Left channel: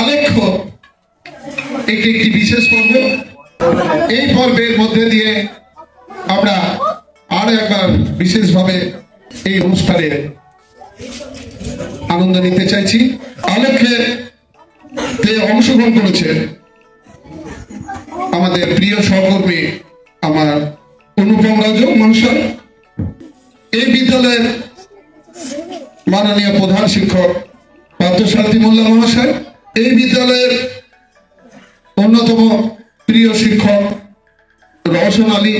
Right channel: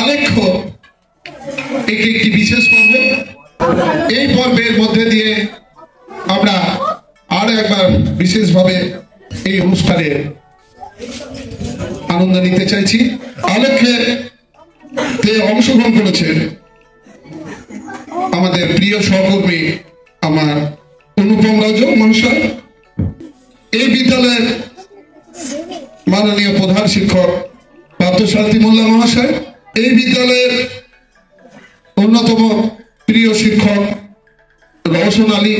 আলেখ্য একটি একটি বিশেষ পর্ব। এই পর্বের মধ্যে দিয়ে আমরা আরো একবার বিশেষভাবে এই অনুষ্ঠানের আনন্দ নিতে চাইছি। আলেখ্যে অংশগ্রহণ করেছে আমাদের প্রিয় সহকর্মী আমার অনুপম রাজু মহাশয়, এই বিদ্যালয়ের মাননীয় প্রধান শিক্ষক পার্থসারথী মোল্লা মহাশয়, এই বিদ্যালয়ের অন্যতম প্রিয় শিক্ষক রওশন আলী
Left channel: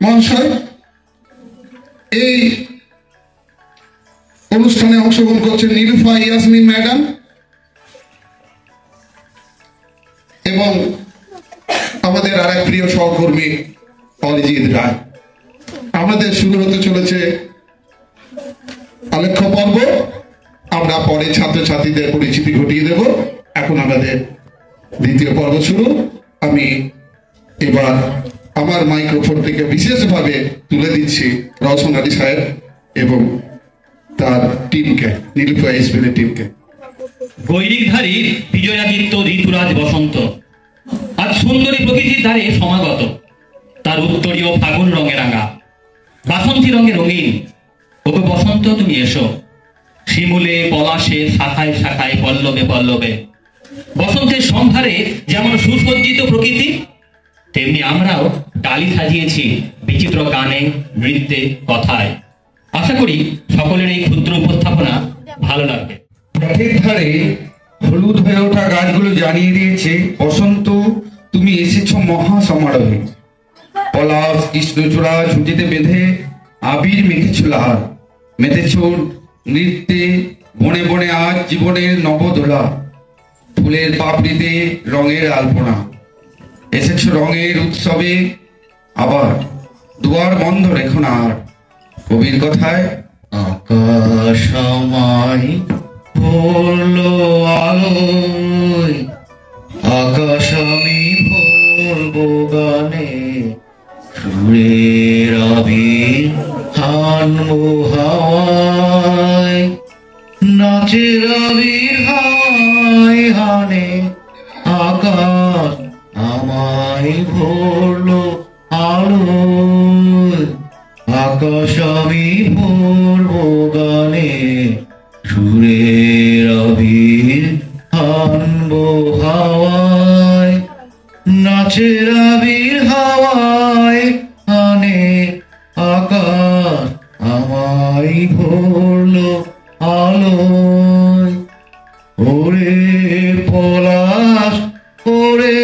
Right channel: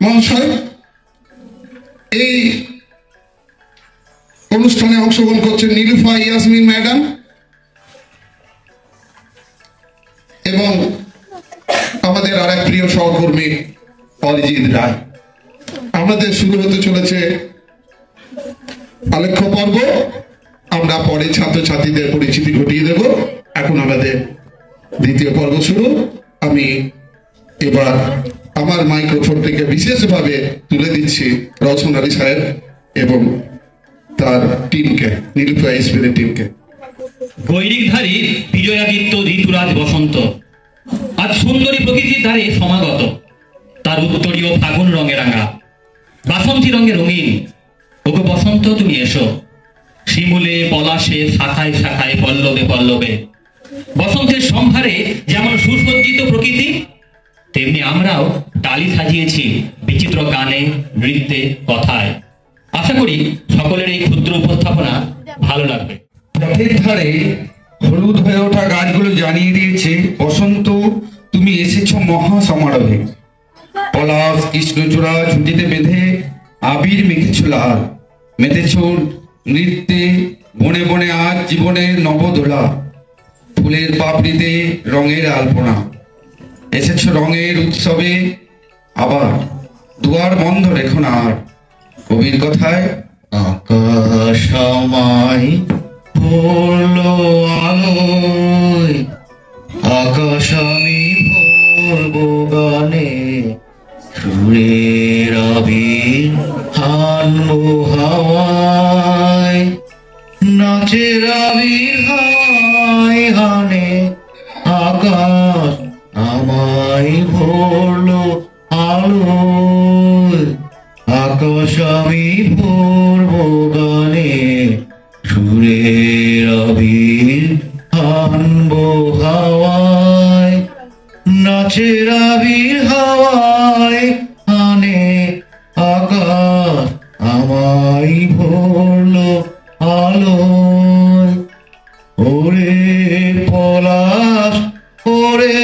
মহাশয়, এই অনুষ্ঠানে অংশগ্রহণ করছেন নীলুফা ইয়াসমিন ম্যাডাম এবং আমাদের আর এক প্রিয় সহকর্মী অরিজিৎ রায়। আমাদের শুরু হতে চলেছে আলেখ্য পর্ব। আমরা পরে ছাত্রছাত্রীদের পরিচিতি ঘটিয়ে দেব। এখন আমাদের দ্বিতীয় পর্ব শুরু। আমি এবার আমার মাইক্রোফোনটিকে বিশেষভাবে তুলে দিচ্ছি রওশন আলী সাহেব এবং তার টিমকে, নীলুফা এসপির টিমকে। গৈরিকধারী বিজয়াদিত্য ঋতুরাজ বসন্ত আজ সুন্দরী প্রকৃতির ধারে সমাগত। তার উত্তরীয় ফাগুন রঙে রাঙা, বাসন্তী রঙে রঙিন। ওকে বসন্ত তুমি এসো, শিমুলে পলাশে শাখায় শাখায় পল্লবে পল্লবে। বসন্তের সম্ভারে যেমন সুসজ্জিত প্রকৃতি, তেমনি আমরাও ডালি সাজিয়েছি বিচিত্র গানে, নৃত্যে, কথায়। আশা করি সকলের এই ক্ষুদ্র উপস্থাপনা ভালো লাগবে। পথের ধারে হলুদ হয়ে ওঠা গাছগুলো জানিয়ে দিয়েছে বসন্ত তুমি এসেছ মহা সমারোহে। পলাশ কৃষ্ণচূড়া ঝুঁটিতে বেঁধে আবির মেখেছ লাল, মেতেছ নৃত্যে বনে বনে আজ জীবনের নবদোলা। ফুলের পাপড়িতে রঙের আলপনা, এসেছ রঙের উৎসবে আবার। দুয়ার বন্ধ রেখো না আর। কবির কথায় আকাশ আমায় ভরলো আলোয়, আকাশ আমি ভরবো গানে। সুরের আবির হানবো হাওয়ায়, নাচের আবির হায় হানে। আকাশ আমায় ভরলো আলোয়, আকাশ আমি ভরবো গানে। সুরের আবির হানবো হাওয়ায়, নাচের আবির হাওয়ায় হানে। আকাশ আমায় ভরলো আলোয়। ওরে পলাশ, ওরে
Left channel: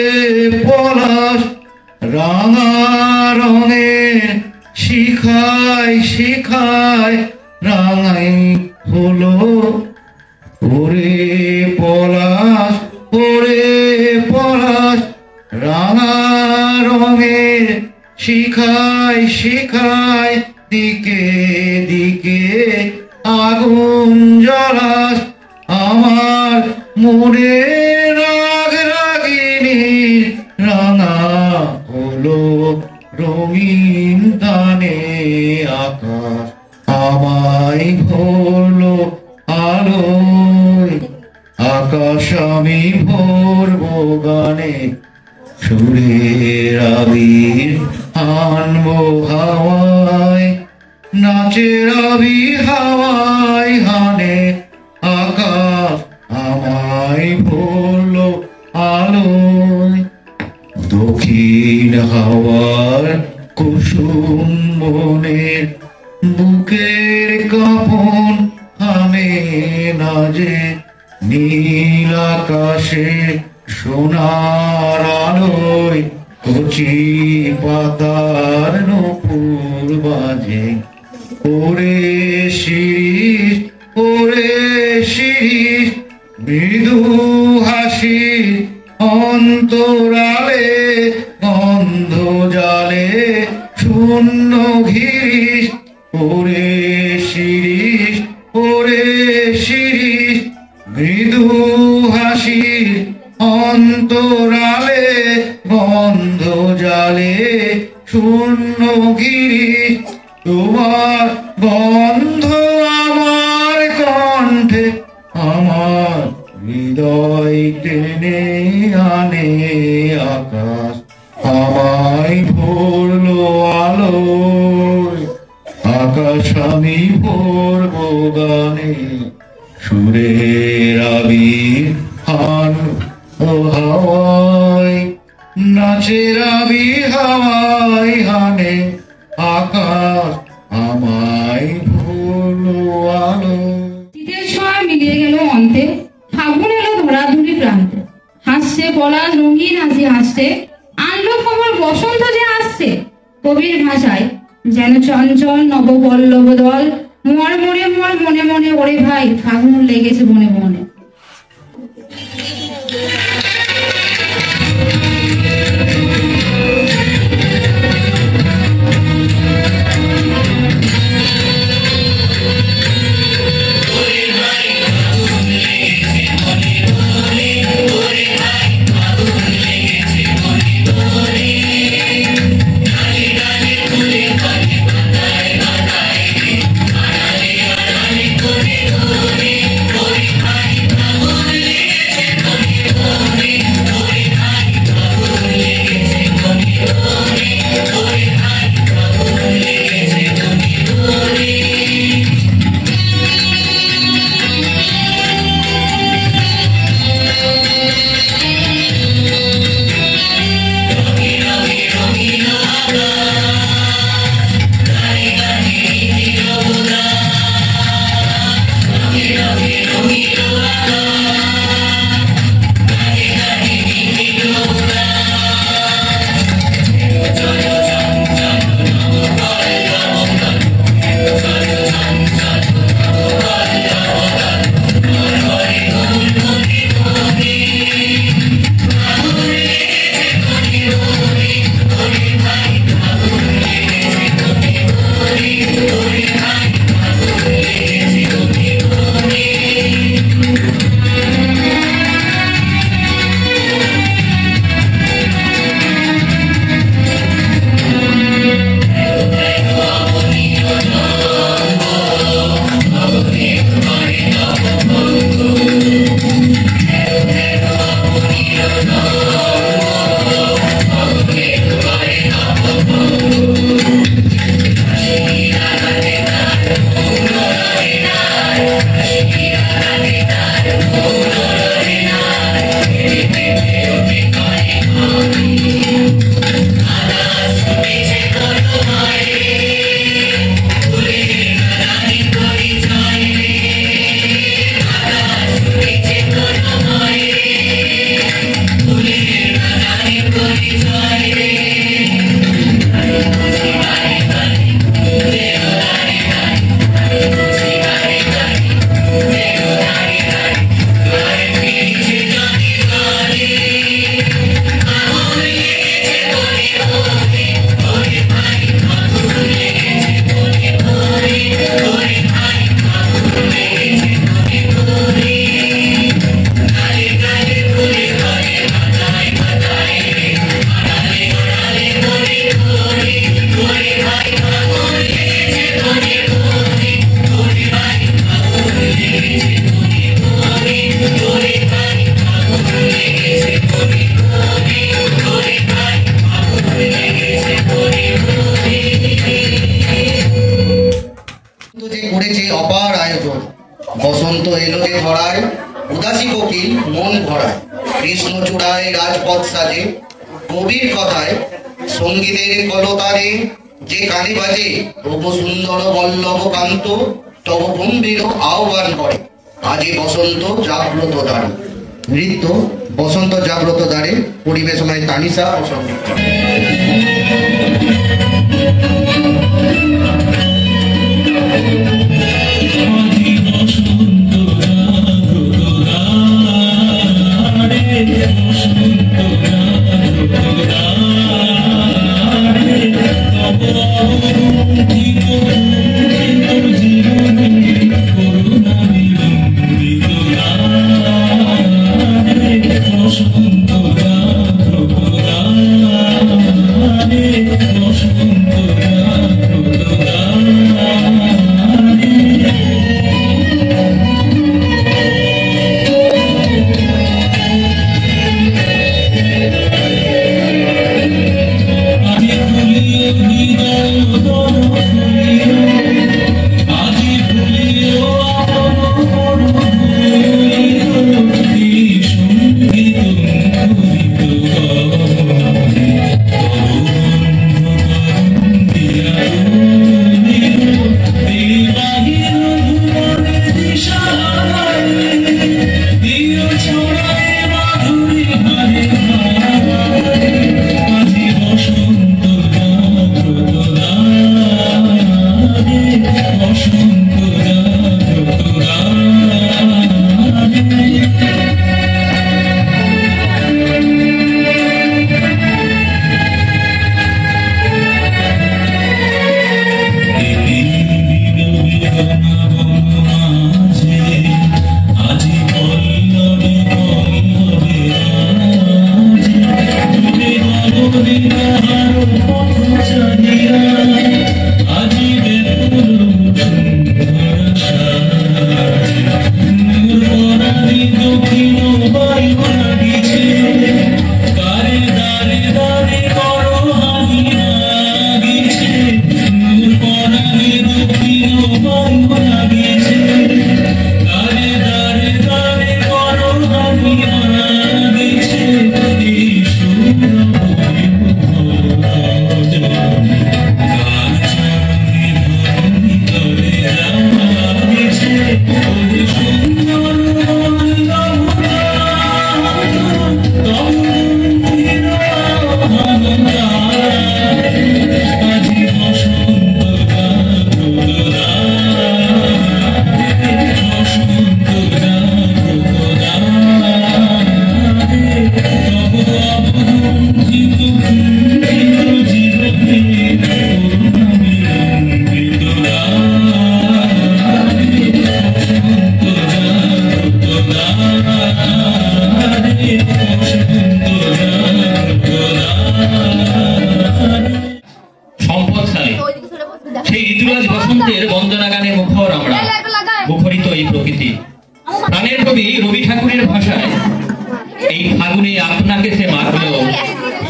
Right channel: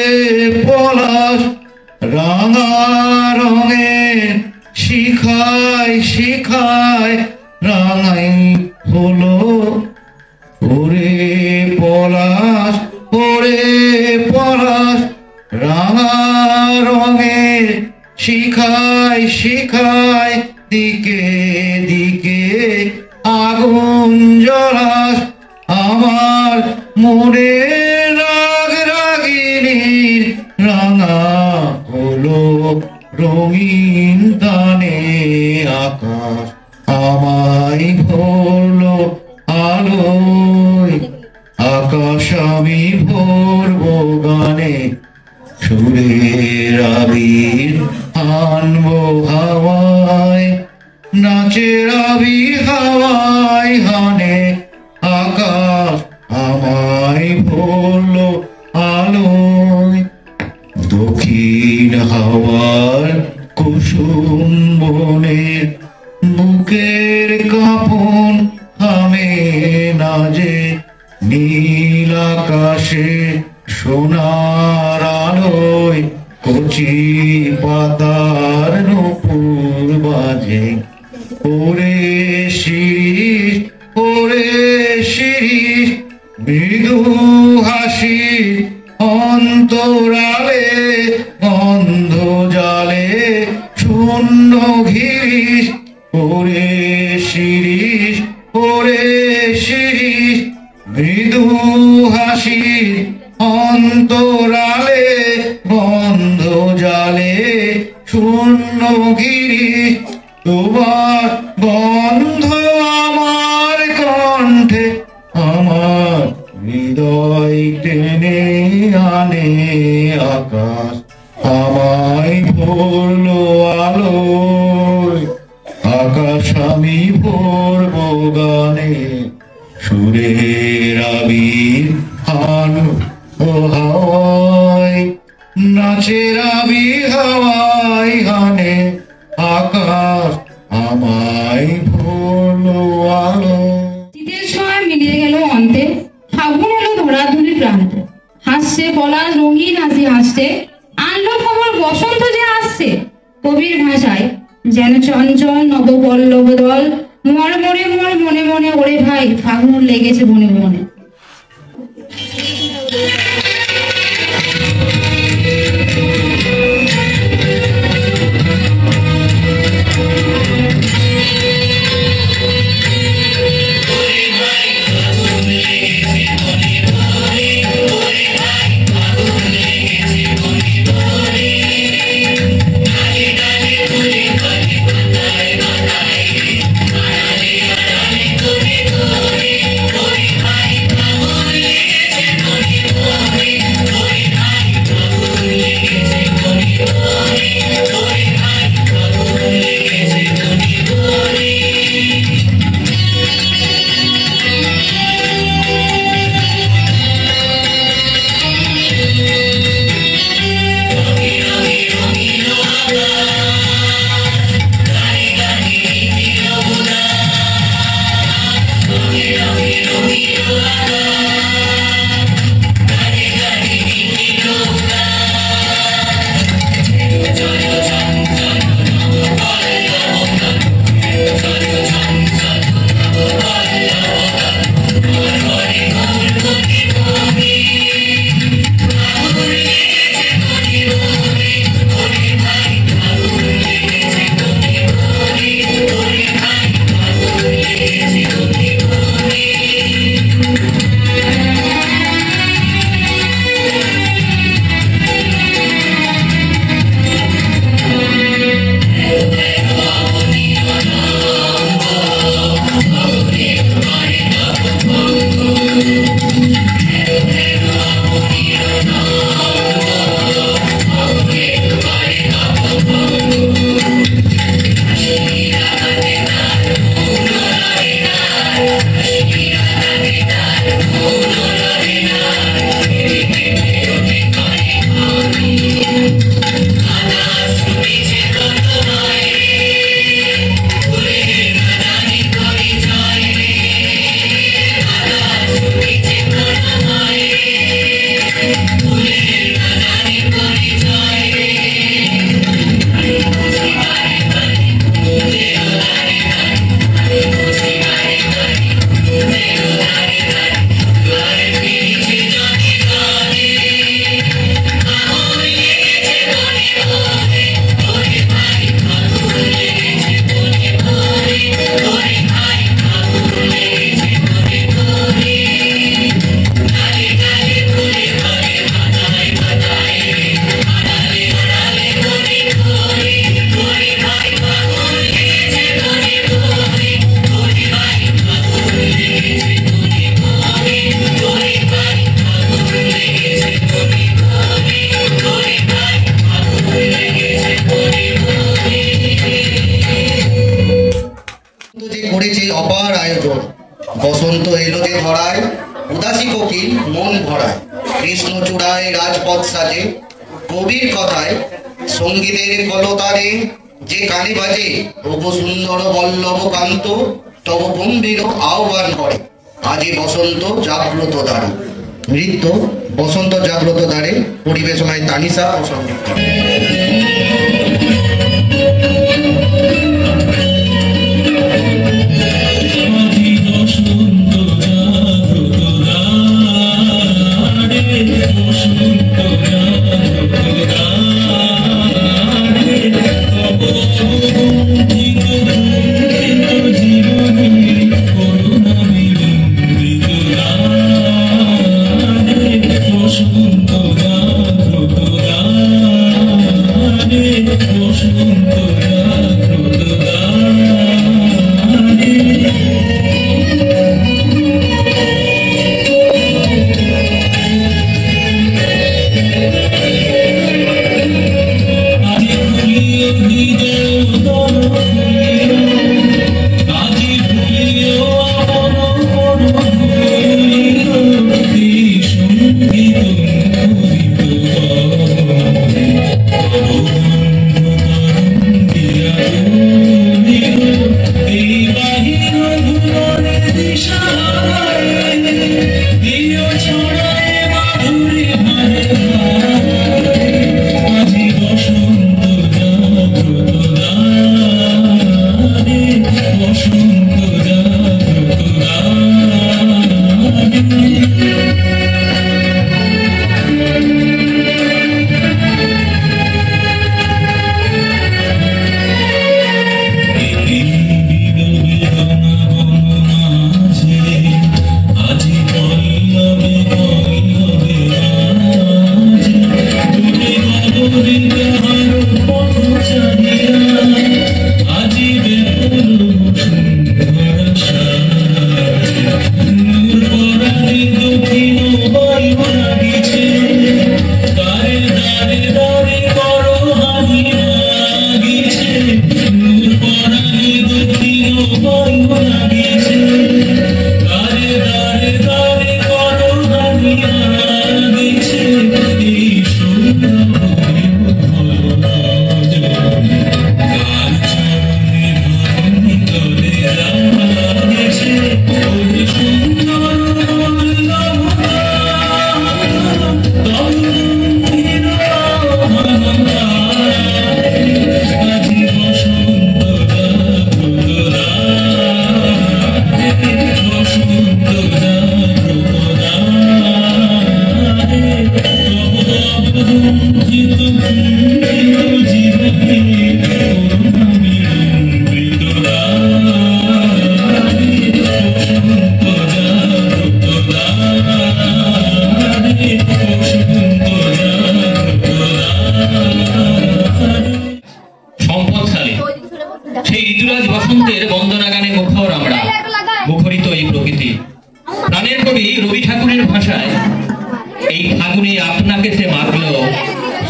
পলাশ, রাঙা রঙে শিখায় শিখায় রাঙাই হলো। ওরে পলাশ, ওরে পলাশ, রাঙা রঙে শিখায় শিখায় দিকে দিকে আগুন জ্বলাস। আমার মনে রাগ রাগিনীর রাঙা হলো রঙিন গানে। আকাশ আমায় ভরলো আলোয়, আকাশ আমি ভরবো গানে। সুরের আবির হানবো হাওয়ায়, নাচের আবির হাওয়ায় হানে। আকাশ আমায় ভরলো আলোয়। দক্ষিণ হাওয়ার কুসুম বনের বুকের কাঁপন থামে না যে। নীল আকাশে সোনার আলোয় কচি পাতার নূপুর বাজে। ওরে শিরিষ, ওরে শিরিষ, মৃদু হাসি অন্তরালে গন্ধ জালে শূন্য ঘিরিস। ওরে শিরিষ, ওরে শিরিষ, মৃদু হাসির অন্তরালে গন্ধ জালে শূন্য গিরিশ। তোমার গন্ধ আমার কণ্ঠে, আমার হৃদয় টেনে আনে আকাশ আমায় ভরলো আলোয় আকাশ আমি ভরব গানে সুরের আবির হান হাওয়ায় নাচের আবির হাওয়ায় হানে আকাশ আমায় ভরলো আলো। শীতের সময় মিলিয়ে গেল অন্তে, ফাগুন এলো ধরাধুরি প্রান্তে, হাসছে পলাশ রঙিন হাসি হাসছে, আনলো খবর বসন্ত যে আসছে। কবির ভাষায় যেন চঞ্চল নবপল্লব দল, মর মরে মর মনে মনে ওরে ভাই ফাগুন লেগেছে বনে বনে। বসন্ত এলো যে ধরায় উদাসী কোকিল মন ভরায় কৃষ্ণ চূড়ায় রাজপথ সাজে কবির কথায় সঙ্গীতের কলতারে যে কানে বাজে তবু সুন্দর বল্লভ কান্ত তবু গম্ভীর আহ্বান করে আজে বসন্ত জাগ্রত দ্বারে। নৃত্য বসন্ত জাগ্রত দ্বারে পরিবেশনায় তানিশা। বসন্ত ফাগুনে আপনাকে সে মাখলো,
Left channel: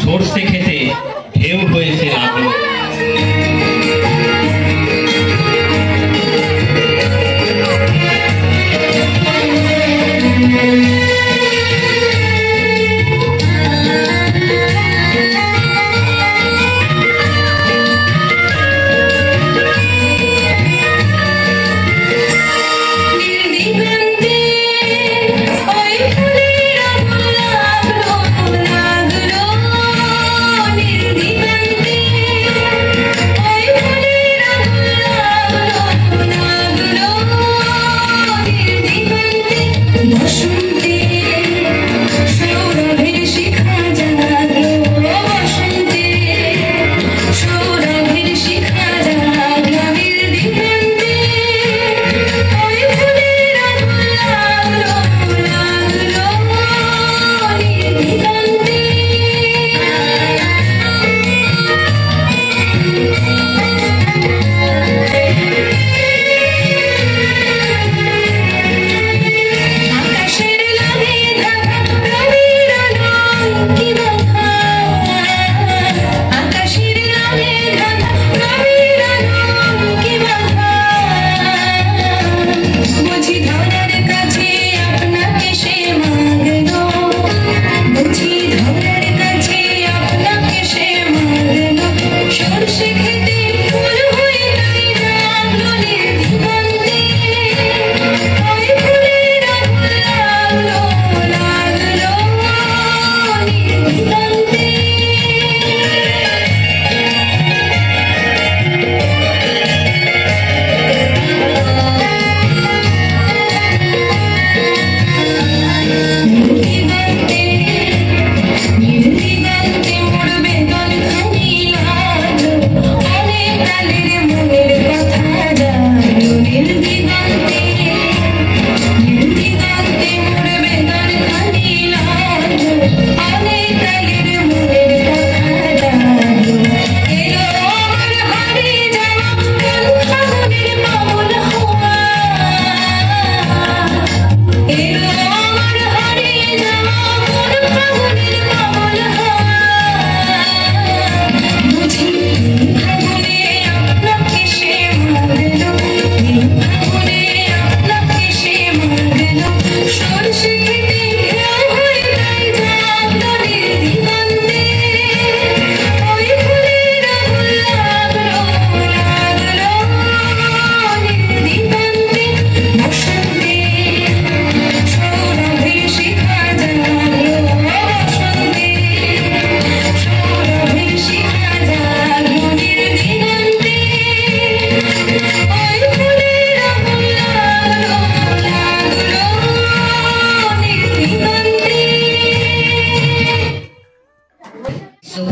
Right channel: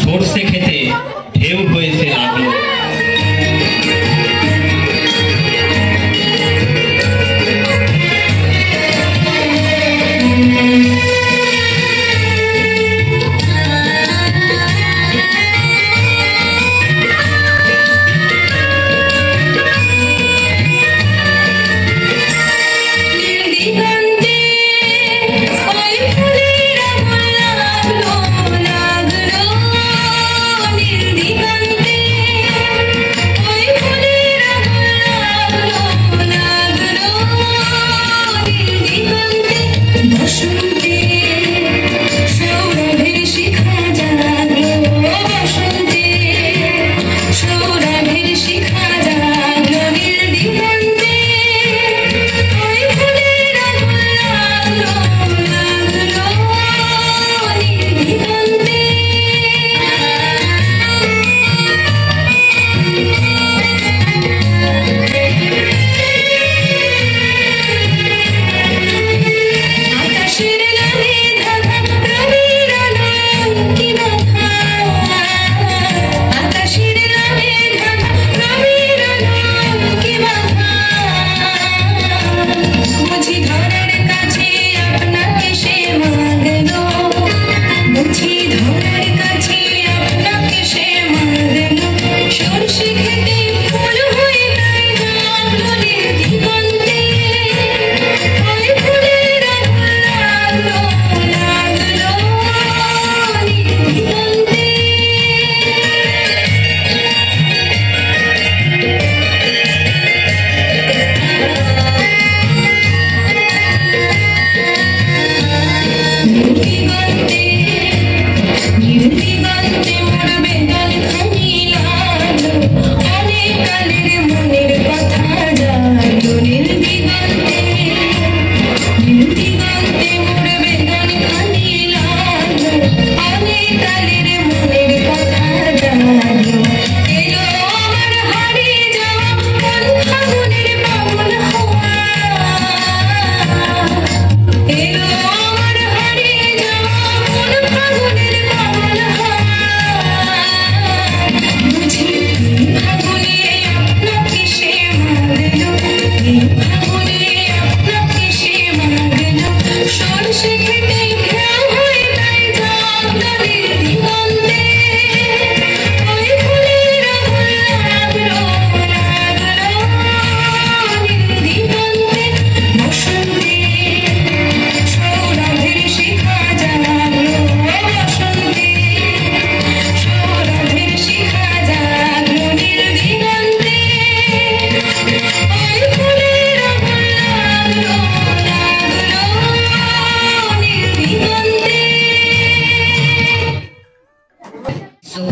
সর্ষে খেতে ঢেউ হয়েছে লাগলো।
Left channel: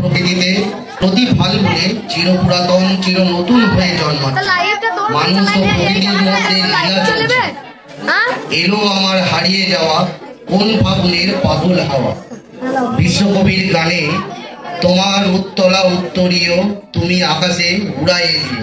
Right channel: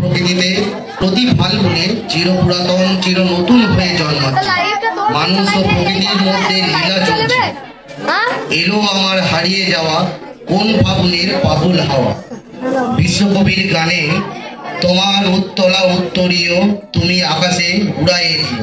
প্রকৃতিতে প্রতি ফাল্গুনে চিরপুরাতন চির নতুন হয়ে জন্মাচ্ছে। মানুষ ও প্রকৃতির মধ্যে লীলা চলছে। এলো আমার হারিয়ে যাওয়া কোন ফাগুনের পাগল হাওয়া। বিশ্বকবির গানে তোমার উত্তলা উত্তরীয় তুমি আকাশে উড়াই দিও।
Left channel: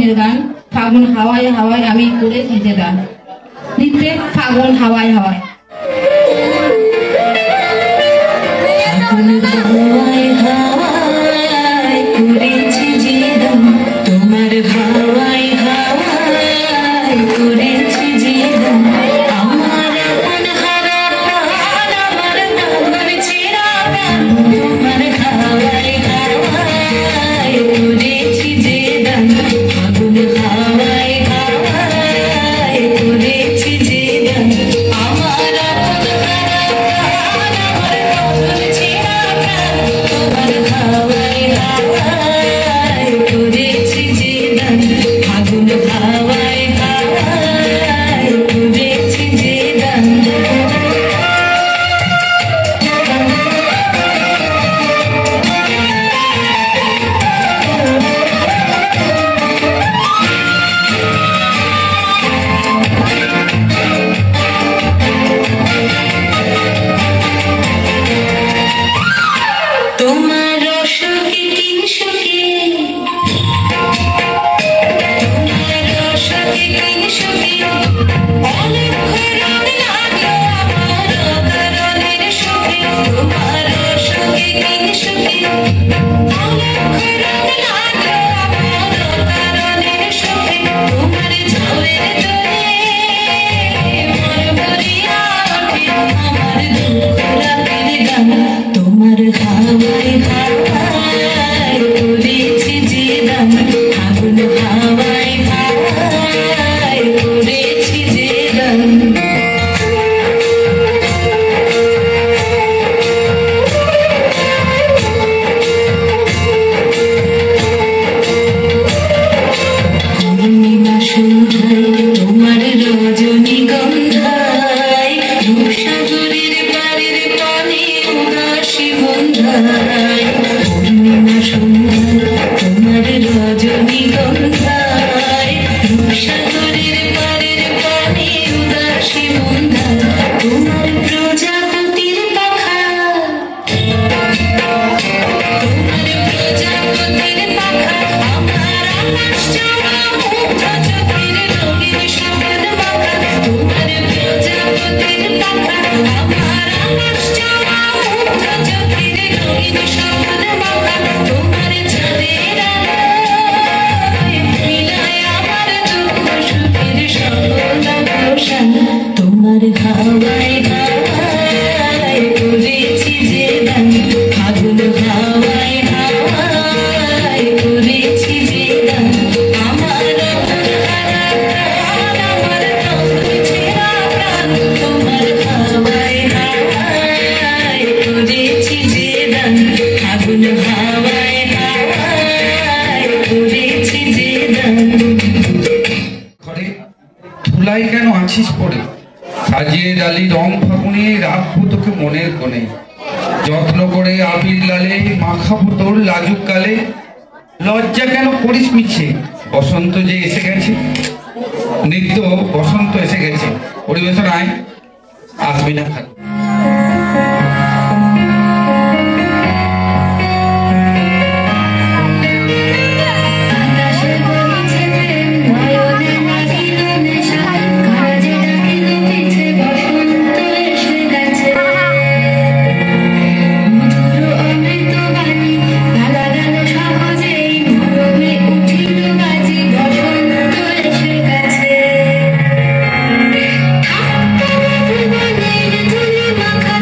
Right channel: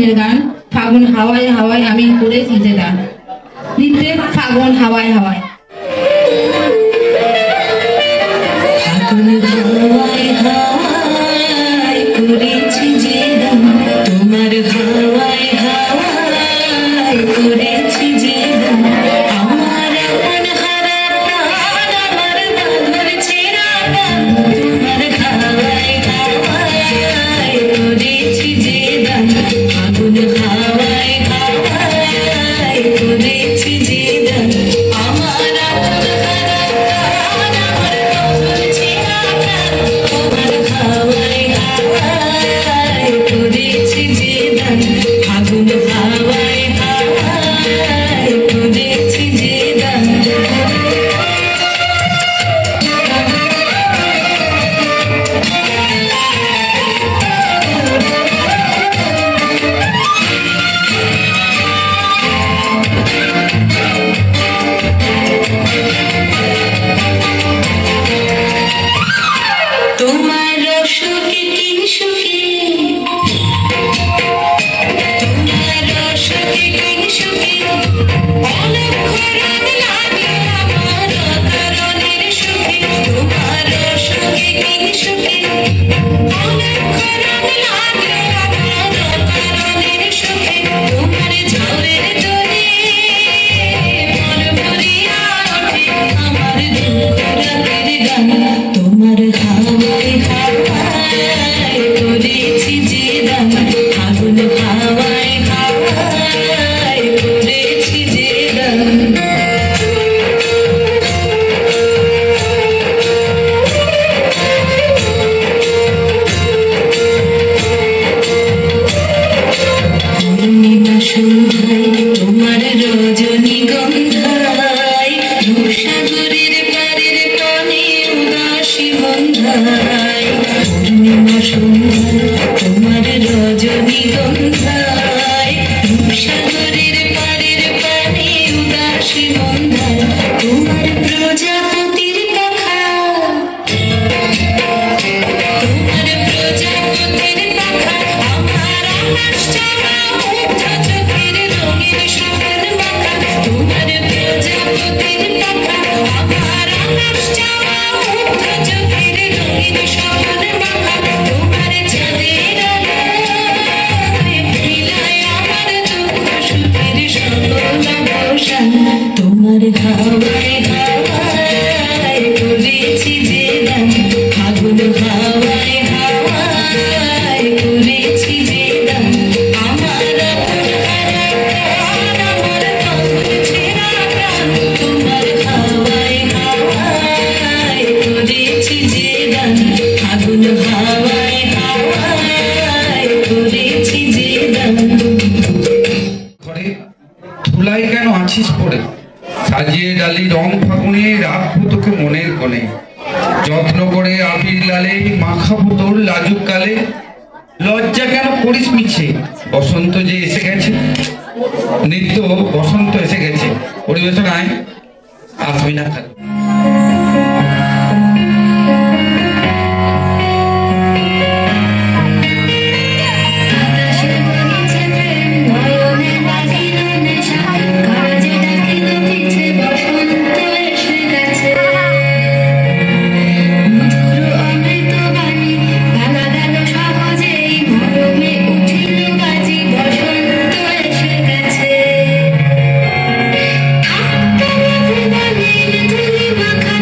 দিনের গান ফাগুন হাওয়ায় হাওয়ায় আমি করেছি যে গান নিতে ফাগুন হাওয়ায় হাওয়ায় করেছি যে গান তোমার হাওয়ায় হাওয়ায় করেছি যে গান আমার এখন হারা প্রাণ আমার পাগল ছেঁড়া প্রাণ তোমার হাওয়ায় হাওয়ায় করেছি যে গান ফাগুন হাওয়ায় হাওয়ায় করেছি যে গান আমার এখন তোমার রসকে কিংসুকে তোমার রসকে কিংসুকে অলক্ষরণ লাগলো আমার অকারণের সুখে তোমার রসকে কিংসুকে অলক্ষরণ লাগলো আমার অকারণের সুখে তোমার ঝড়ের জলে মন ভরিয়া ওঠে আমার দুঃখ রাতের গান তোমার হাওয়ায় হাওয়ায় করেছি যে গান ফাগুন হাওয়ায় হাওয়ায় করেছি যে গান পূর্ণিমা সন্ধ্যায় তোমার রজনীগন্ধায় রূপসাগরের পারের পানে উদাসী বন্ধায় পূর্ণিমা সন্ধ্যায় তোমার রজনীগন্ধায় রূপসাগরের পারের পানে উদাসী বন্ধায় তোমার প্রজাপতির পাখা তোমার প্রজাপতির পাখা আমার আকাশ চড়া মুগ্ধ চোখের রঙের সমান মাখা তোমার প্রজাপতির পাখা আমার আকাশ চড়া মুগ্ধ চোখের রঙের সমান মাখা তোমার ছাদের আলোয় মিলায় আমার দুঃখ সুখের সকল অবসান তোমার হাওয়ায় হাওয়ায় করেছি যে গান ফাগুন হাওয়ায় হাওয়ায় করেছি যে গান আমার আমার পঙ্খ ছেঁড়া প্রাণ তোমার হাওয়ায় হাওয়ায় করেছি যে গান ফাগুন হাওয়ায় হাওয়ায় করেছি যে গান ঘরে ধুলাই কেন আছিস পড়ে সাজিয়ে ডালি রং ফাগুনে রাখবো তোকে মনের কোণে যত্ন করে আবির লালে মাখাবো তোর লাজুক কালে লজ্জা কেন করিস মিছে বসন্ত যে এসে গেছে নৃত্য বসন্ত এসে গেছে পরিবেশনায় আসবি না থাক Thank you.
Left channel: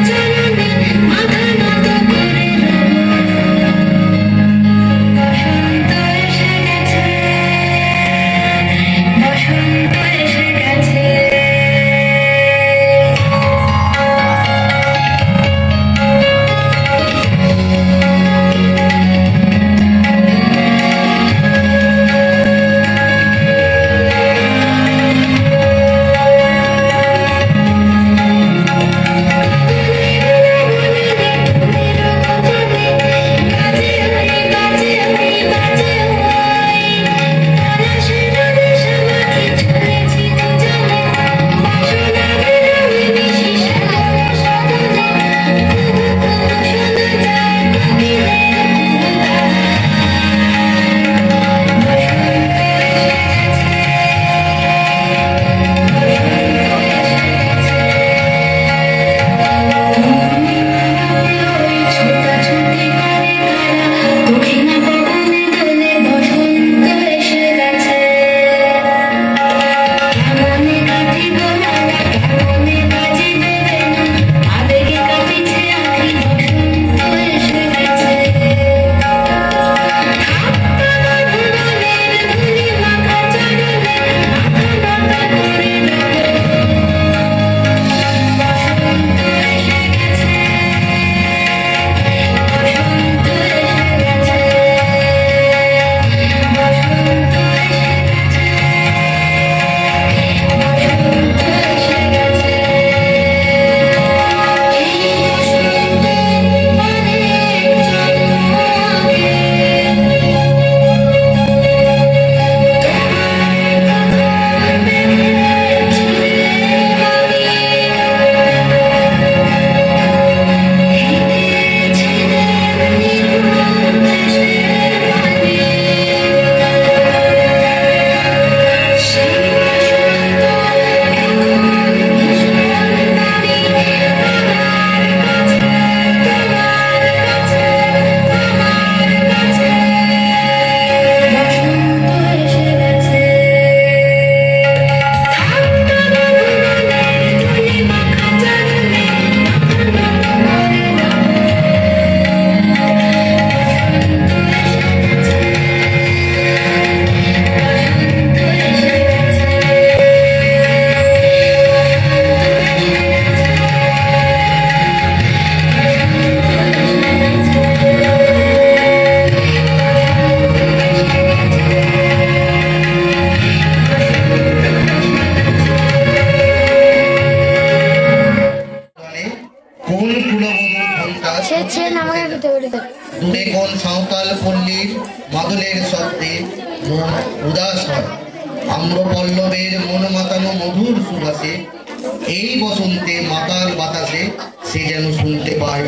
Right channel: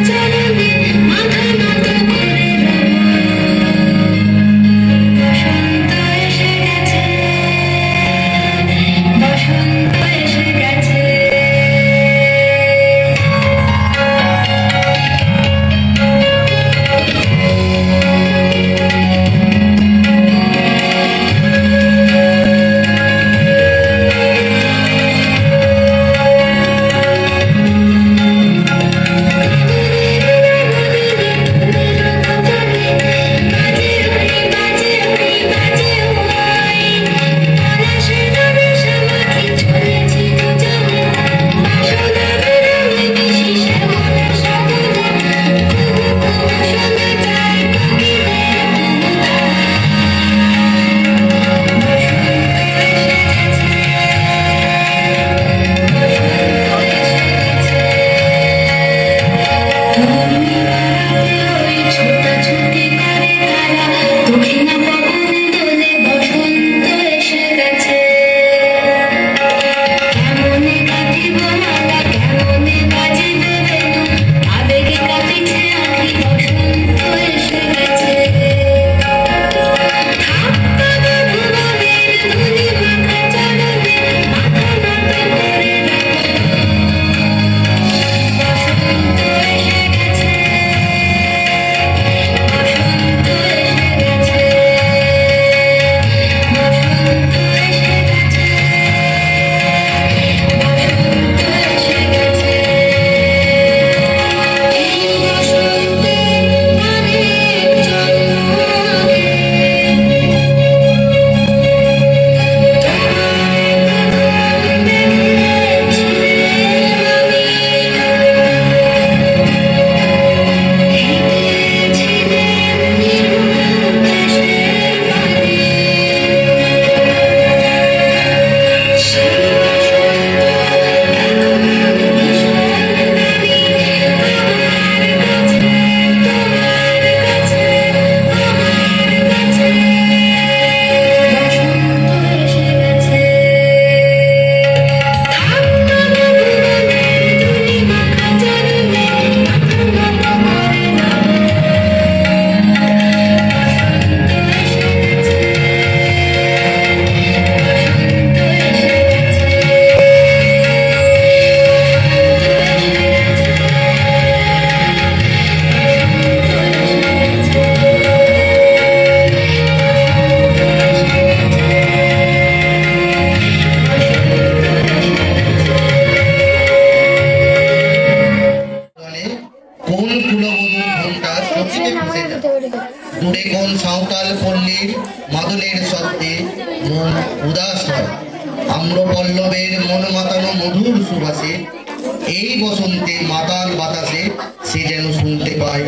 এই বসন্তে মাতাল বাতাসে সে যেন শুনতে পায়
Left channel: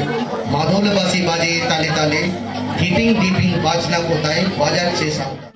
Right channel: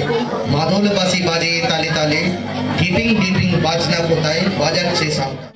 মাদল বাসি বাজে তালে তালে, ঢিপিং ঢিপিং বাজনা কোথায় বাজাচ্ছে সামনে।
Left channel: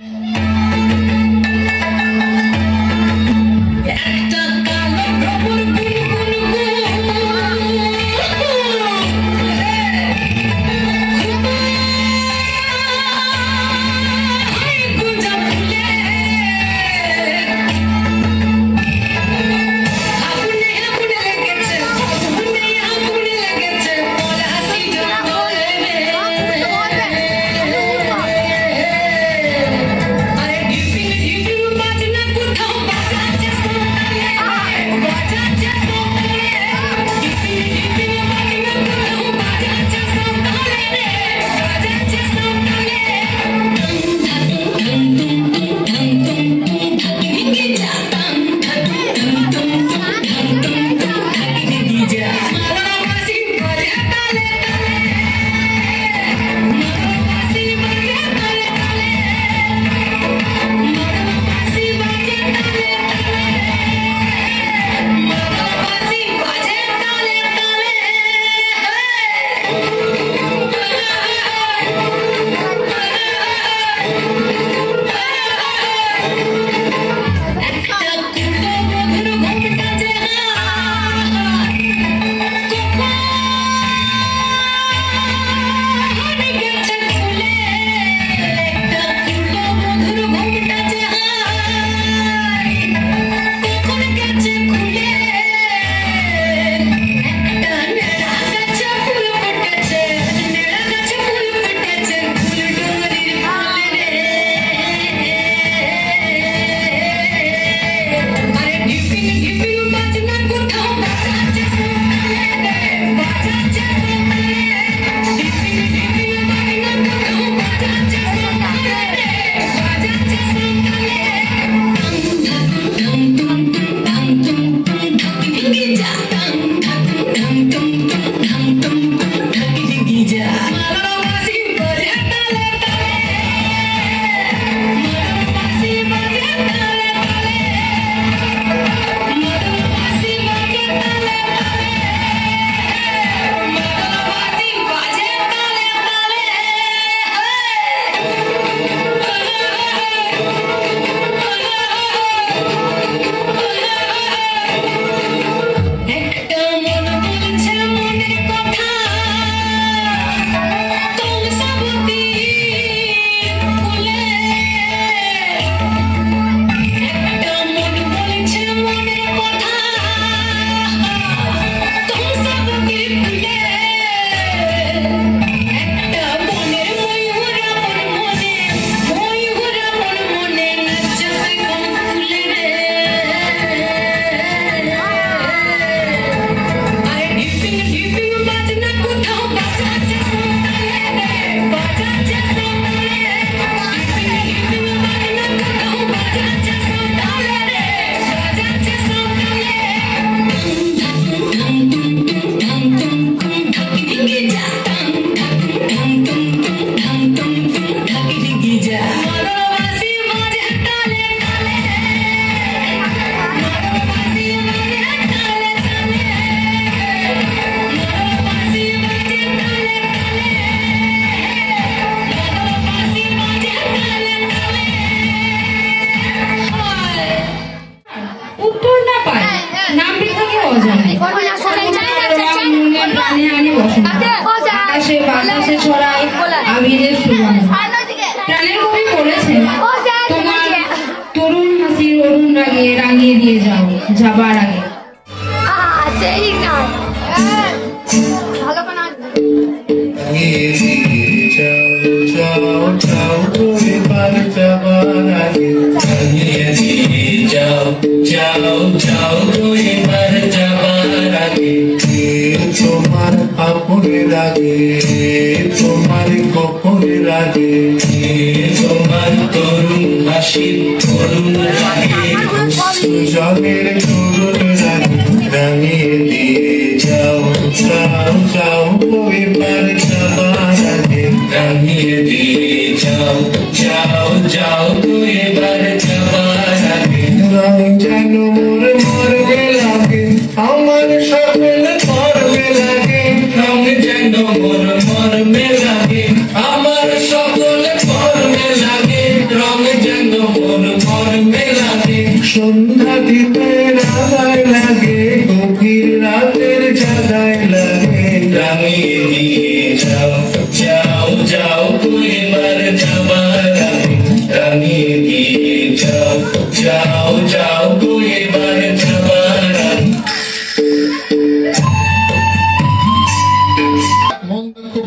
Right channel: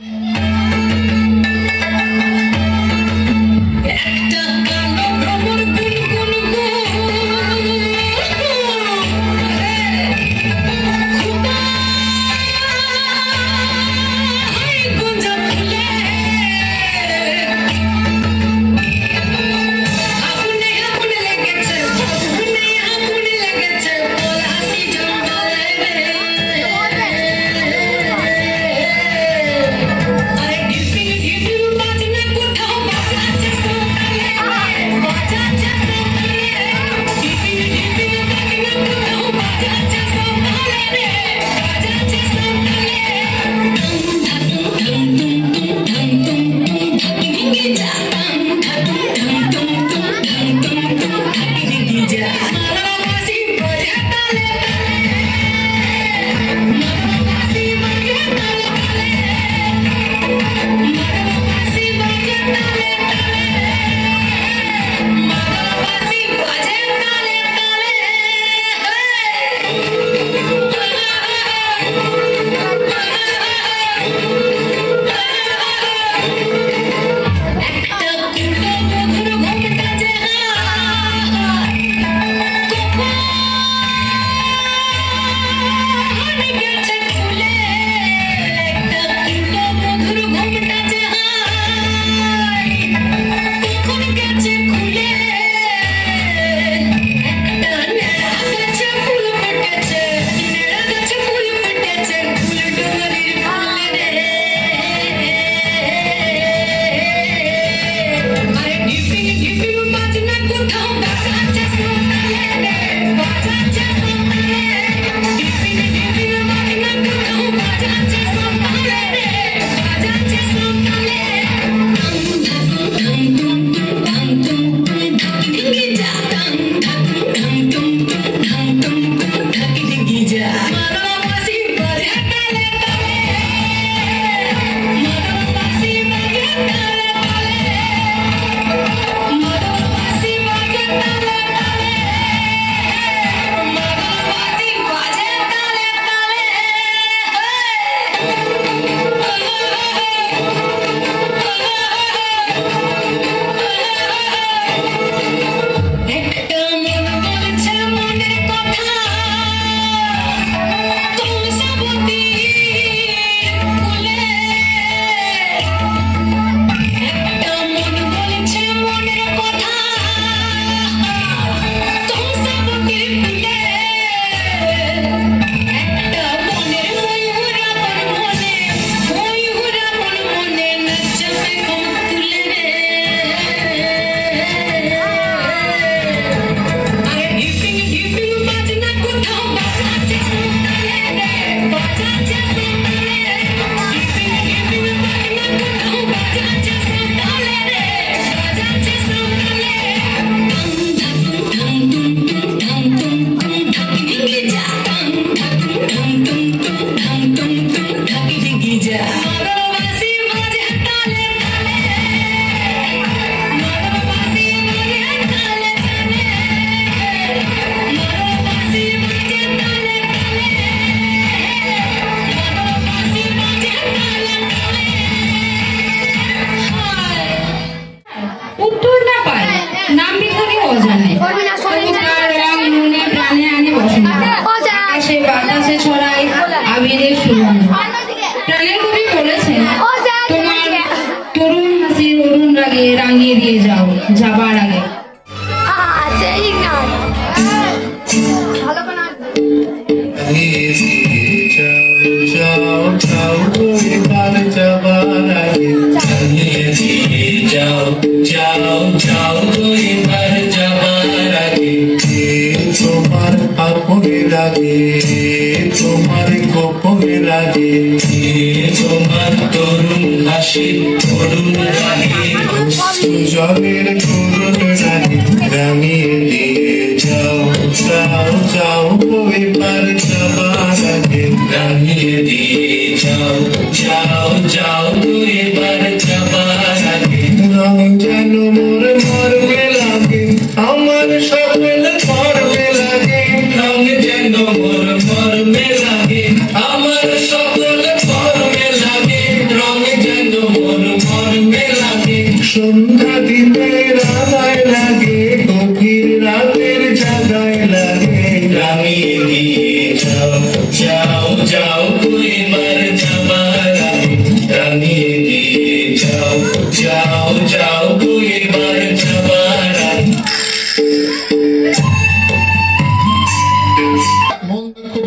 জাগে গভীর রাতের জাগায় লাগে রাঙিয়ে দিয়ে যাও যাও যাও তো এবার যাবার আগে রাঙিয়ে দিয়ে যাও যাও যাও তো এবার যাবার আগে।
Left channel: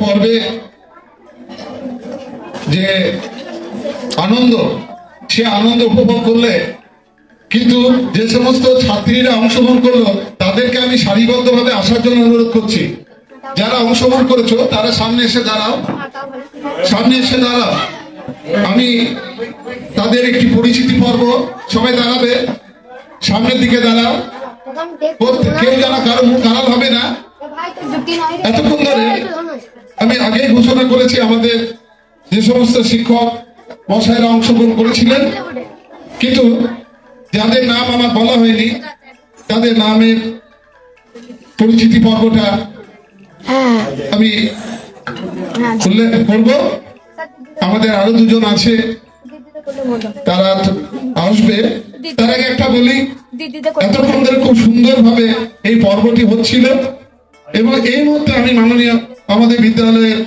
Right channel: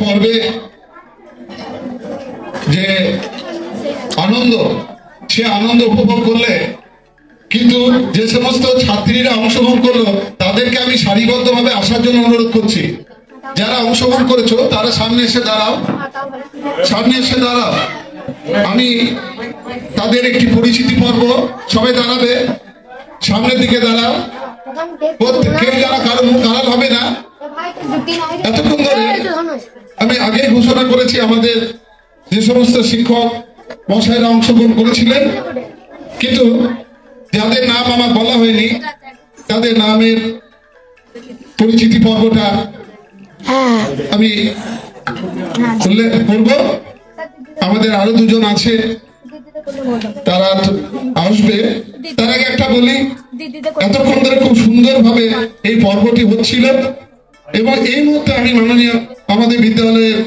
পর্বে যে আনন্দ, সে আনন্দ উপভোগ করলে, কিন্তু যে সমস্ত ছাত্রীরা অংশগ্রহণ করলো তাদেরকে আমি সারিবদ্ধভাবে আসার জন্য অনুরোধ করছি। যারা অংশগ্রহণ করেছো তারা সামনে এসে দাঁড়াও, সামনে এসে দাঁড়াও। আমি তাদের একটি পরিচিতি পর্ব, সবাই দাঁড়াবে, সামনের দিকে দাঁড়াও। কেউ যারা কারো মুখ আড়াল হবে না। এতক্ষণ ধরে আমি আগেই ঘোষণা করেছি আমাদের যে সমস্ত শিক্ষক মশাইরা অংশগ্রহণ করেছিলেন, কিন্তু যাদের নাম আমার বলা হয়নি তাদের নামের পরিচিতি পর্বটা আমি উল্লেখ করব। আমাদের আরো দুজন আছে, তারা আসবে। তার আগে একটা বলি, এতক্ষণ ধরে খুব সুন্দরভাবে এই পর্বটি হচ্ছিল এবং এই মুহূর্তে আমি মাননীয় আমাদের বিদ্যালয়ের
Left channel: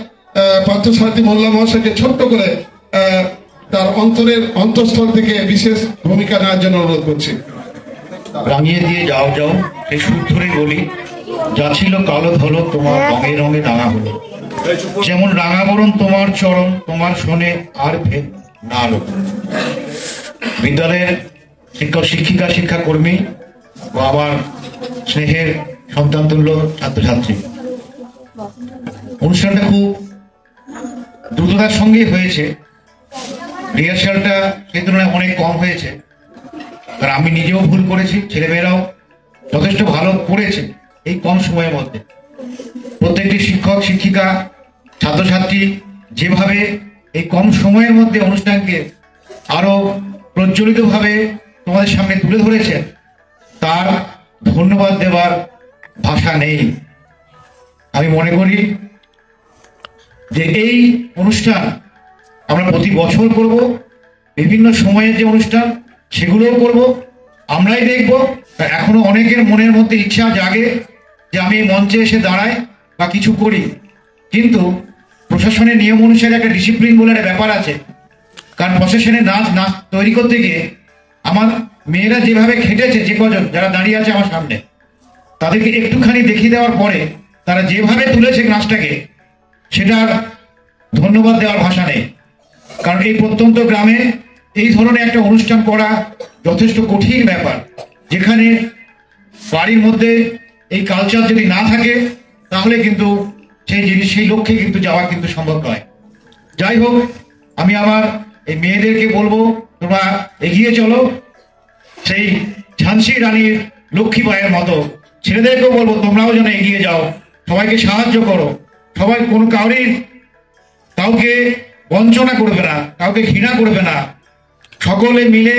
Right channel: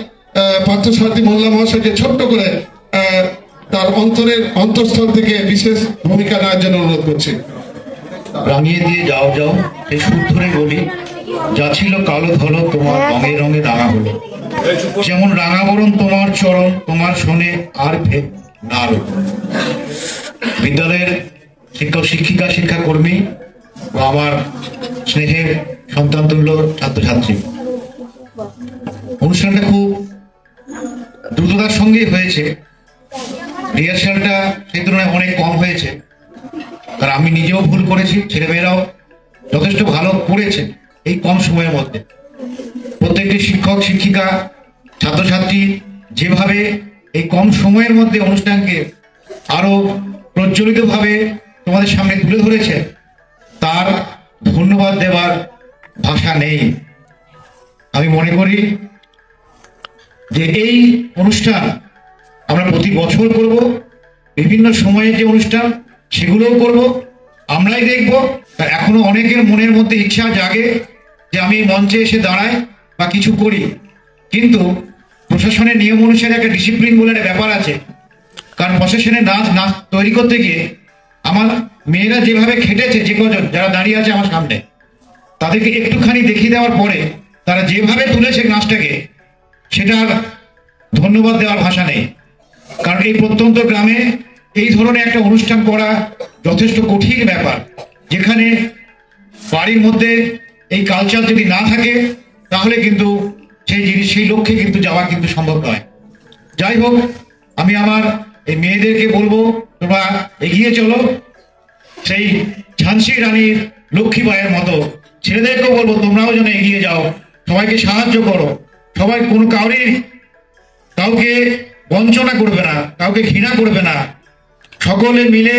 পার্থসারথী মোল্লা মহাশয়কে ছোট্ট করে তার অন্তঃস্থল থেকে বিশেষ ভূমিকা নেওয়ার জন্য অনুরোধ করছি। রাঙিয়ে দিয়ে যাও যাও এই সুর ধরে বলি, যা ছিল কালো ধলো তোমার রঙে রঙে রাঙা হলো, যেমন রাঙা বরণ তোমার চরণ তোমার শোনে আর ভেদ না। বিদ্যালয়ের শিক্ষক শিক্ষিকা শিক্ষাকর্মী ও আমার স্নেহের সন্তানতুল্য ছাত্রছাত্রী, অনুষ্ঠানটা খুব দ্রুততার সঙ্গে হয়েছে। রিহার্সালটা সেই তুলনায় অনেক কম হয়েছে, কারণ আমি নিজেও ভুল করেছি, ছেলেমেয়েরাও যথেষ্ট ভালো করেছে এই কম সময়ের মধ্যে। প্রত্যেকটি শিক্ষক শিক্ষিকা ছাত্রছাত্রী যেভাবে এই কম সময়ের মধ্যে অনুষ্ঠানকে আরো প্রজ্বলিতভাবে তোমাদের সামনে তুলে ধরেছে, তার ধন্যবাদ দেওয়ার ভাষা নেই। আমি মনে করি যে এই অনুষ্ঠান আমরা প্রতি বছর করব, বিভিন্ন সময়ের যে অনুষ্ঠান সেগুলোও করব, আমরাই দেখব। এখনো অনেকের মনের মধ্যে ইচ্ছা জাগে যে আমি এই মঞ্চে এসে দাঁড়াই বা কিছু করি, কিন্তু প্রশাসনের নিয়ম অনুসারে একটা ডিসিপ্লিন বলে একটা ব্যাপার আছে। কারণ প্রশাসনের নাচ তৈরি করতে গিয়ে আমার মেয়েরা যেভাবে খেটেছে, যে কজন যারা দাঁড়িয়ে আছে আমার সামনে, তাদেরকে একটুখানি দেখিয়ে দেওয়ার পরে তারা যেভাবে তুলেছে নাচটাকে, সেটার ধন্যবাদ দেওয়ার ভাষা নেই। কারণ এই প্রত্যন্ত গ্রামে এই ধরনের একটা অনুষ্ঠান করা যথেষ্ট কঠিন ব্যাপার, যেখানে বাড়ির মধ্যে এই কালচার যদি না থাকে তাহলে কিন্তু সেই লক্ষ্যে কিন্তু যাওয়া কিন্তু সম্ভব নয়। যাই হোক, আমি আমার এই মেয়েদেরকে বলবো তোমরা এগিয়ে চলো, সেই ঝান্সি রানীর লক্ষ্মীবাইয়ের মতো। ছেলেদেরকেও বলবো তোমরাও যেন এগিয়ে যাও, সবাইকে সাহায্য করো, সবাই কাউকে বঞ্চনা করবে না, কাউকে ঘৃণা করবে না। সকলে মিলে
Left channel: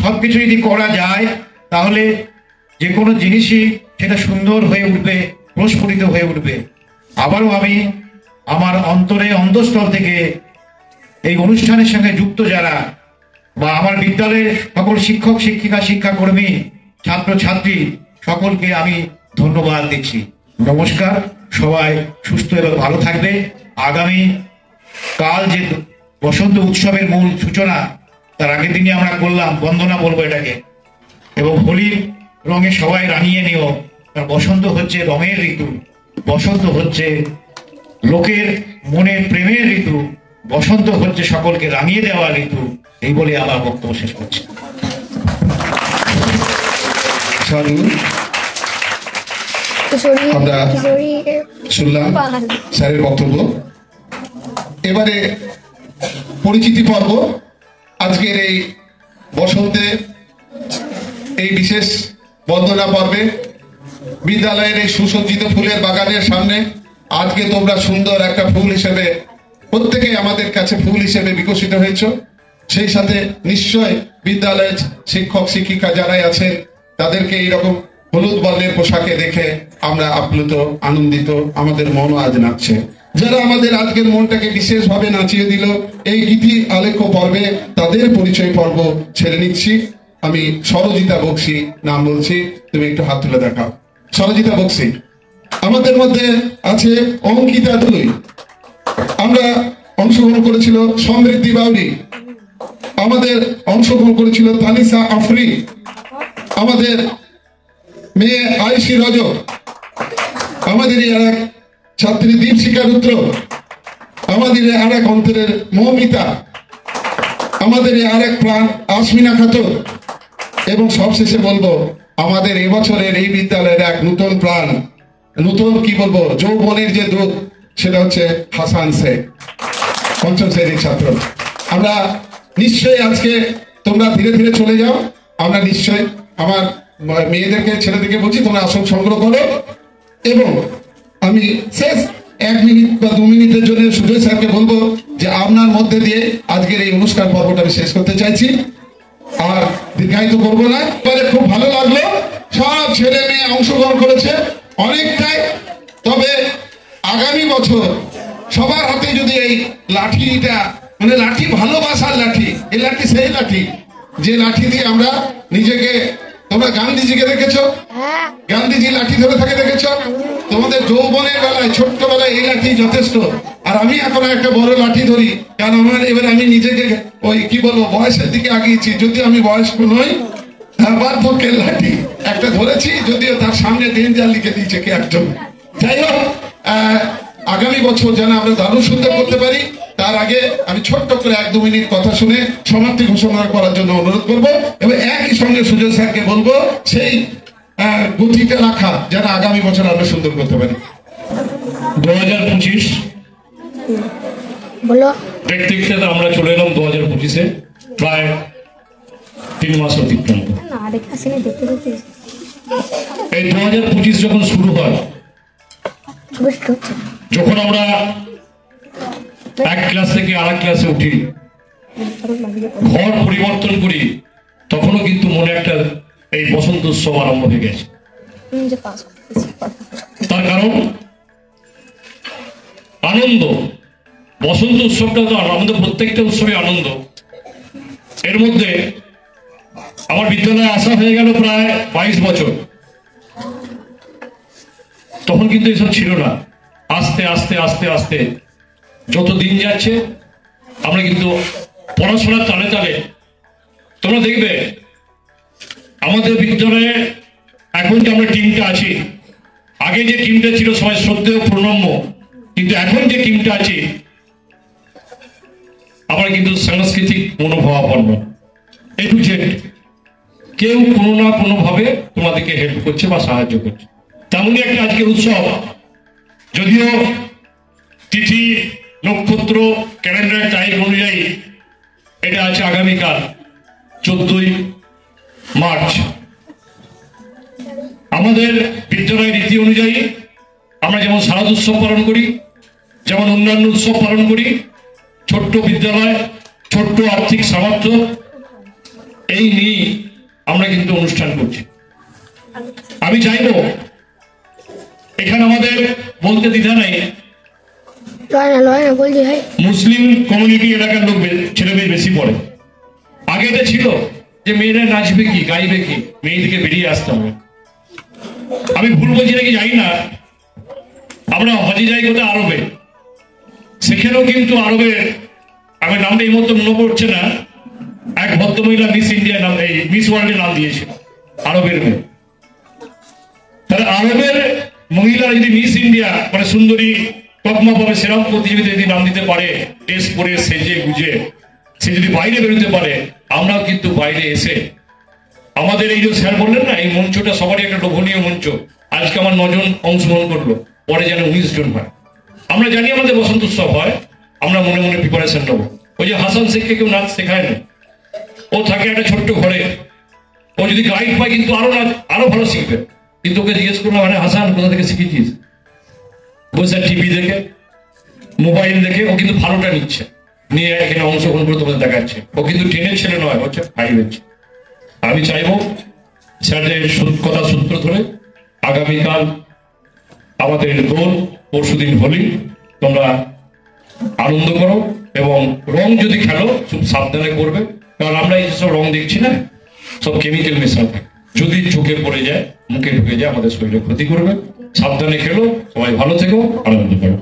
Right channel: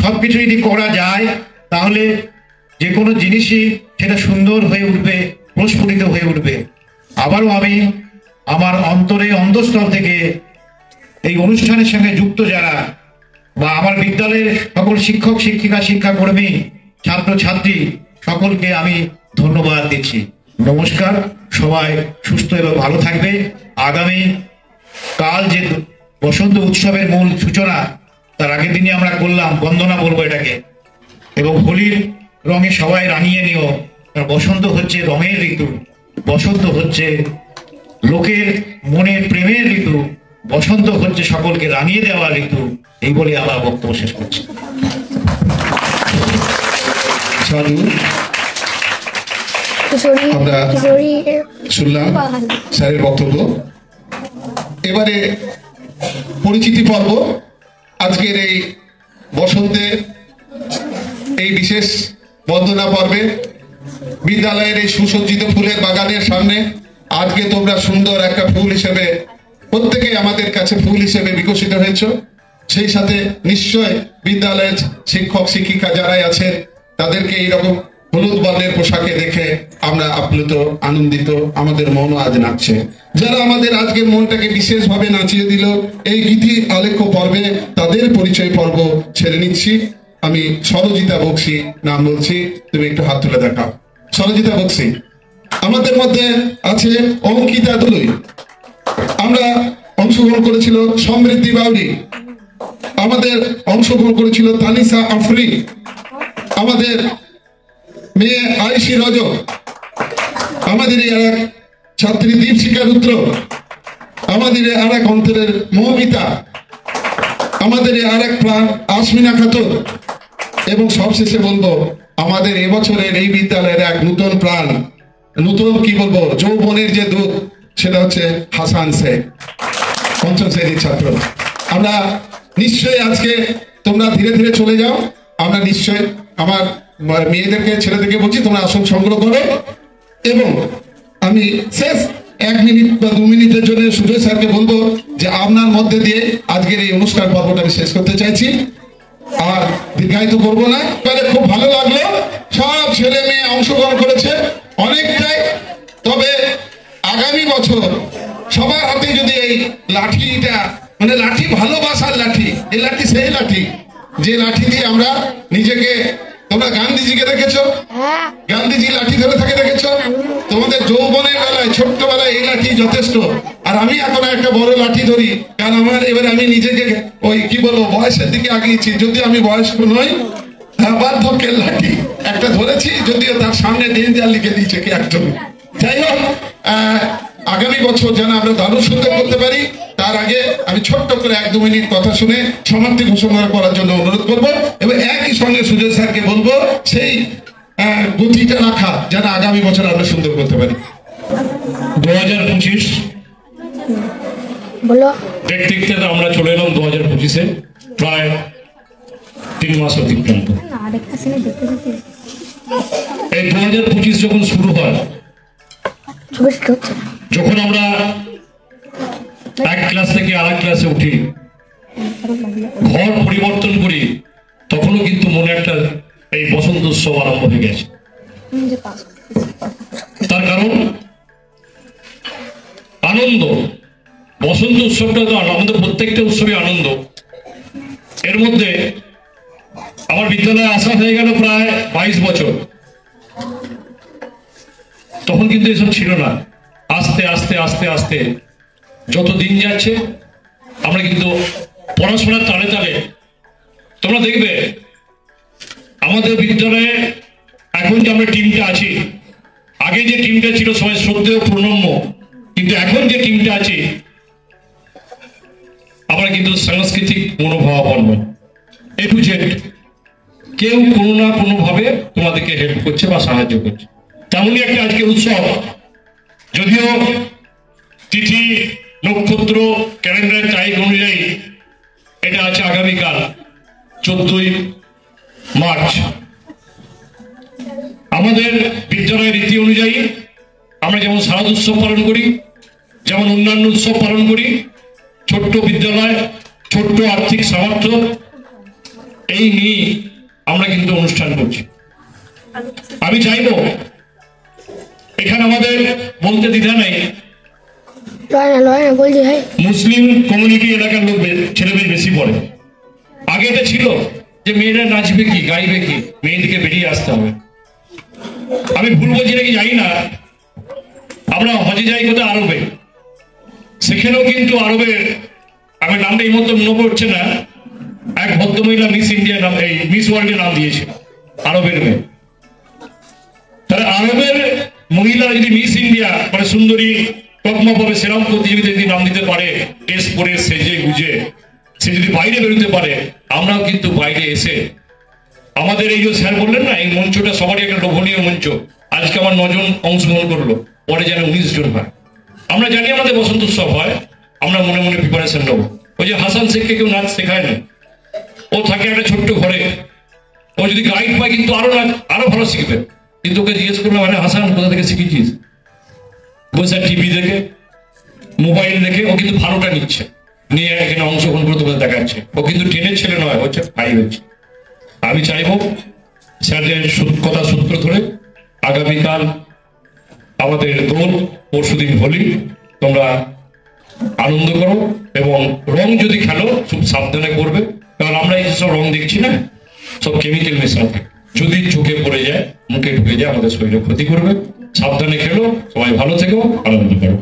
সবকিছু যদি করা যায় তাহলে যে কোনো জিনিসই সেটা সুন্দর হয়ে উঠবে, প্রস্ফুটিত হয়ে উঠবে। আবারও আমি আমার অন্তঃস্থল থেকে এই অনুষ্ঠানের সঙ্গে যুক্ত যারা বা আমার বিদ্যালয়ের সকল শিক্ষক শিক্ষিকা শিক্ষাকর্মী ছাত্রছাত্রী সকলকে আমি ধন্যবাদ দিচ্ছি। নমস্কার, সবাই সুস্থ এবং ভালো থাকবে। আগামী কাল যে বসন্ত উৎসবের মূল সূচনা, তার আগের দিনে আমরা করলাম বন্দনা বলবো এটাকে, এবং হোলির রঙে সবাই রাঙিয়ে নিও। বসন্ত হচ্ছে রঙের ঋতু, বসন্ত হচ্ছে লোকের মনের প্রেমের ঋতু, বসন্ত হচ্ছে সকলকে রাঙিয়ে দেওয়ার ঋতু। এই বলে আমার বক্তব্য শেষ করছি। আমরা শুনলাম স্যারের বক্তব্য। এবারে পরিচিতি পর্ব। আজকের এই বসন্তে এই বিশেষ বন্দনা পর্বে বিদ্যালয়ের এই সুসজ্জিত ফুলের বাগানের সামনে আজকে তোমরা সুন্দর একটা ফুল হিসেবে, প্রত্যেকে আমাদের কাছে ফুল হিসেবে বিকশিত হয়েছ। সেই সাথে নিশ্চয় বিদ্যালয়ের শিক্ষক শিক্ষিকা যারাই আছেন তাদেরকে এইরকম হলুদ বর্ণের পোশাকে দেখে আমরা আপ্লুত, আনন্দিত, আমাদের মনও আজ নাচছে। যারা আমাদের আজকের মনটাকে বিশেষভাবে নাচিয়ে দিল এই গীতি আলেখ্য পর্বে, তাদের পরিচয় পর্ব ছেড়ে নিচ্ছি। আমি সরজিতা বক্সি নাম বলছি, তুমি একটু হাত তুলে দেখাও। সরজিতা বক্সি। আমাদের মধ্যে আছে অঙ্কিতা দুলুই, আমরা অংশগ্রহণ করেছিল সমৃদ্ধি বাউরি, আমাদের অংশগ্রহণ করেছিল তানিসা আফরি, আমাদের মেয়ে আয়ুষী রজক, আমাদের এক ছাত্রী দীপশিখা রুদ্র, আমাদের আর এক অন্তরের মৌমিতা, আমাদের আর এক প্রাণ আসমিনা খাতুন, এবং সবশেষে বলবো আমাদের এবছরের এই বিদ্যালয়ের এক নতুন প্রাণ, নতুন কি বলবো যৌবনের যে দূত, সেটা হচ্ছে হাসান শেখ, পঞ্চম শ্রেণীর ছাত্র। আমরা নিশ্চয়ই আজকে তোমরা ধীরে ধীরে চলে যাও, আমরা নিশ্চয়ই আমার মেয়েদেরকে ছেলেদেরকে বলছি তোমরা আসন সংগ্রহ করো, এবং আমি শেষ 1 মিনিট বা 2 মিনিটের জন্য সুজয় স্যারকে বলবো যে আপনার মধ্যে দিয়ে আজকের এই অনুষ্ঠান পর্বটা আমি শেষ করতে চাইছি, আর দীর্ঘায়িত করবো না। তাহলে খুব ভালো লাগলো, সব ছেলে মেয়ে অংশগ্রহণ করেছে অনেকটাই। তবে আগামী বছর সবার হাতে যদি এই লাঠিটা, মানে লাঠি ভালোবাসার লাঠি, এই লাঠি সেই লাঠি যে লাঠি দিয়ে আমরা নিজেকে, তোমরা গান্ধীজিকে দেখেছো, গান্ধীজি লাঠি ধরে থাকে দেখেছো, তোমাদের যৌবনের বেলায় ছোট্টবেলায় এই লাঠি যথেষ্ট। আর আমি এখন একটা বড় লাঠি ধরি, কারণ আমার এবার আমি নিজেকে ওই কি বলবো বয়সের দিকে আগিয়েছি, যদি আমি বয়স্ক নই, বার্ধক্যের লাঠি একটা ধরেছি, যদিও তার সামনে ডেঞ্জার লিখে দিয়েছে কি একজন। যাই হোক, আগামী বছর যেন আমরা দারুণ সুন্দর করতে পারি, তার আগে আমি ছোট্ট করে 1-2 মিনিট কথা শুনে সমাপ্তি ঘোষণা করার জন্য অনুরোধ করবো, এবং একই সঙ্গে সুজয় স্যারকে বলবো সেই গতিটা রাখা যেন আগামী বছর আমরা সুন্দর করতে পারি। 2025 দেখতে দেখতে আমরা চলে এলাম 2025-এ, প্রায় 3 মাস অতিক্রান্ত। এই 2025 যখন শুরু হয়, যখন আমরা এক ক্লাস থেকে আরেক ক্লাসে উঠি, ঘর পরিবর্তন করি, তখনও কিন্তু মনে একটা এই বসন্ত উৎসব আরম্ভ হয়ে গেছে। তার কারণ আনন্দ। বসন্ত উৎসবটা তো আনন্দ, প্রত্যেকটা উৎসবে আনন্দ। এর মধ্যে আমার বিদ্যালয়ে আসা হয়ে গেল প্রায় 22 বছর। তখন কিন্তু এসব ছিল না। আস্তে আস্তে আস্তে আস্তে যত দিন যাচ্ছে, আমরা কিন্তু পড়াশোনার তালে তালে, তোমরা দেখবে আমাদের বিদ্যালয়ে এখন যে আমরা টিমটা আছি, আগে যে টিমটা ছিল সবাই শ্রদ্ধেয় প্রণম্য, কিন্তু এখন যে টিমটা আছে আমরা কিন্তু সাংস্কৃতিক মনোভাবাপন্ন, এ টু জেড কেউ কোনো না কোনো ভাবে তোমাদেরকে হেল্প করছে বা সাহায্য করছে। তেমনই একটা আজকে উৎসব, যদিও তিথি নক্ষত্র ক্যালেন্ডারের তারিখ অনুযায়ী এটা আছে আগামীকাল 14ই মার্চ। আমাদের বিদ্যালয়ের রীতি অনুযায়ী আমরা যেমন শারদ উৎসব পালন করি, যেমন অন্যান্য উৎসব পালন করি, ছোট্ট বিদ্যালয়, ছোট্ট আর্থিক সামর্থ্য, এই নিয়ে আমরা কিন্তু অনুষ্ঠান করছি। আমি চাইব এখানে আমাদের বলতে দ্বিধা নেই, মুসলিম কমিউনিটি এলাকার লোক ছেলেমেয়ে বেশি পড়ে। আগে এটা ছিল যে মেয়েরা নাচবে কি, গাইবে কি, মেয়েদেরকে বেরিয়ে আসতে হবে। আমি ভুল বলছি নাকি জানি না, আমরা হজে যাই কোথায় আরবে, সেখানেও কিন্তু আরবের, আমার নামটা এই মতো মনে পড়ছে না, এক ভদ্রমহিলা মিস ইন্ডিয়া নাম, এই মিস ওয়ার্ল্ডের নাম দিয়েছে, আরবের মেয়ে। তাহলে আরবের মহিলা যদি মিস ইন্ডিয়া মানে সুন্দরী তকমা পাবে, সেরকম প্রতিযোগিতা যদি নাম দিতে পারে, টেস্ট করে সেজে গুজে সে যদি বাইরে বেরোতে পারে, আমরাও কিন্তু বাইরে এসে আমাদের এই যে স্যার বললেন না, এই মঞ্চটা সবারই একটা লোভনীয় মঞ্চ। আজকে আমার 9 জন অংশগ্রহণ করলো, পরে যেন 19 জন হয়। আমরা জানি আমাদের বসন্ত উৎসব হয়, আমরা মনে মনে প্রিপারেশন নেবো। ওই যে হাসান শেখকে কেউ নাচ শেখায় না, ও থাকে একটা ছোট্ট ঘরে, ও যদি গাইড পায় কিন্তু আরো ভালো শিখবে। কিন্তু ওকে জিজ্ঞেস করলাম, মানে হাসান কোথা থেকে শিখেছিস? বসে টিভি দেখে, মোবাইল দেখে, ও কিন্তু ভালোটা নিচ্ছে, নিয়ে এখানে অংশগ্রহণ করে তোমাদের দেখাচ্ছে। ও কিন্তু 10-এর ছেলে নয়, হচ্ছে 5 হচ্ছে। আমি চাইবো স্যারদের কথা সূত্র ধরে আগামীকাল আমাদের দোল, পরশুদিন হোলি, তোমরা আনন্দ করো, এবং রং যদি খেলো খুব সাবধানে করবে, কারণ আমরা এই সব রং দেখছি না, সব কেমিক্যাল মেশানো থাকে। যদি চোখে পড়ে যায়, মুখে ঢুকে যায়, আমাদের শরীরে ক্ষতি করবে। সাবধানে খেলো, সবাই ভালো থেকো, আনন্দ করো।